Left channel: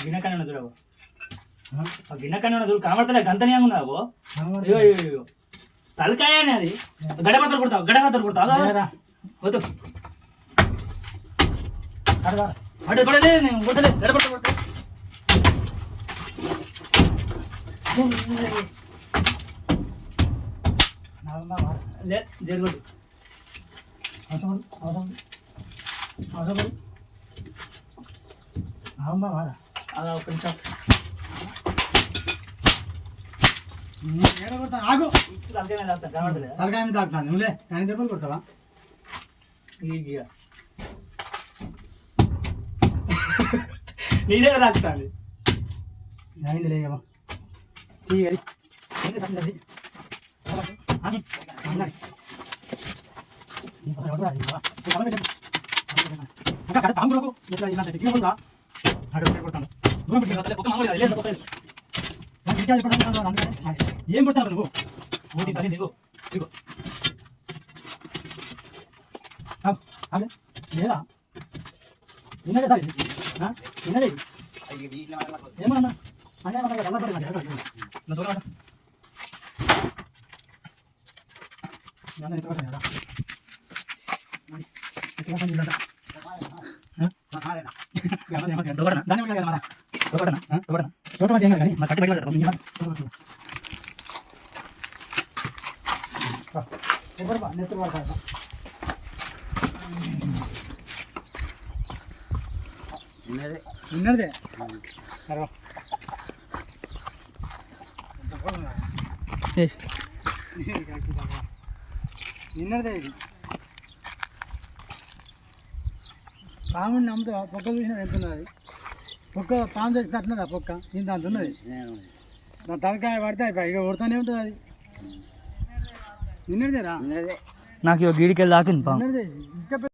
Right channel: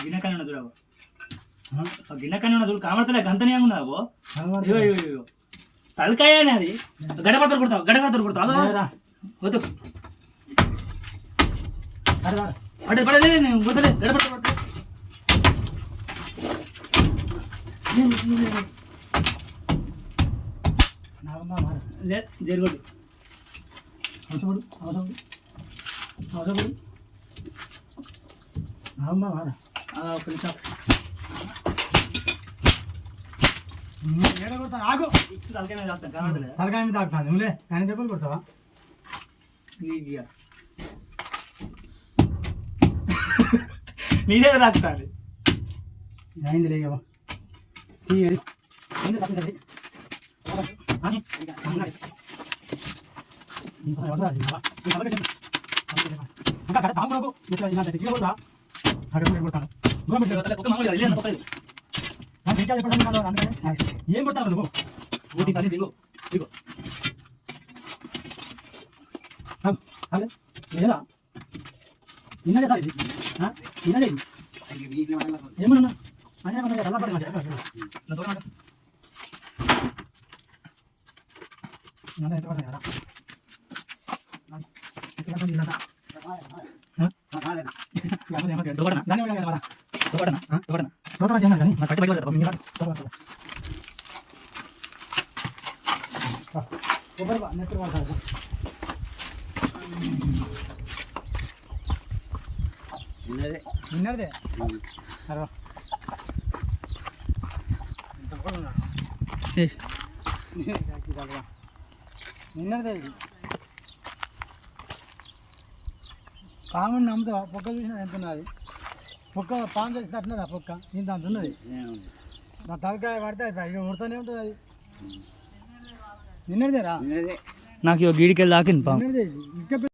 గిన్నెకన్నా చూడవు గిన్నెకన్నా చూడు కనబడతలే గంతనే ఉన్నావు తలకాయ అని అది గడపడతారు కుడతావు వద్దు అడే పడలే నేను వద్దలే గడపడతా జరుగుడు ఒక్క నిమిషం ఆగు తలకాయ మీద తాకుతాను నువ్వులే కానీ దెబ్బలు కొడతావా నీదే తాకుతాను అయింది లేవు ఏం కొడతావు నువ్వు ఓటి తల్లి దిగో దిగో లేదా నిన్నదే సార్ నిన్నదే ఏమన్నా అనే నిన్నదే నిన్నదే ఇది పాముని నమ్ముతావా పొక్క చూసినా ఎంత ఉన్నది పొక్క పాము చేసి తట్టినదా పొక్క ఇంత అంత ఉన్నది నా తలకాయ పడితే ఇక కొడుతూనే ఉంటుంది అది నిన్నదేనా నాకు గీడికెళ్ళి దాకింది నిన్నదే ఇంకా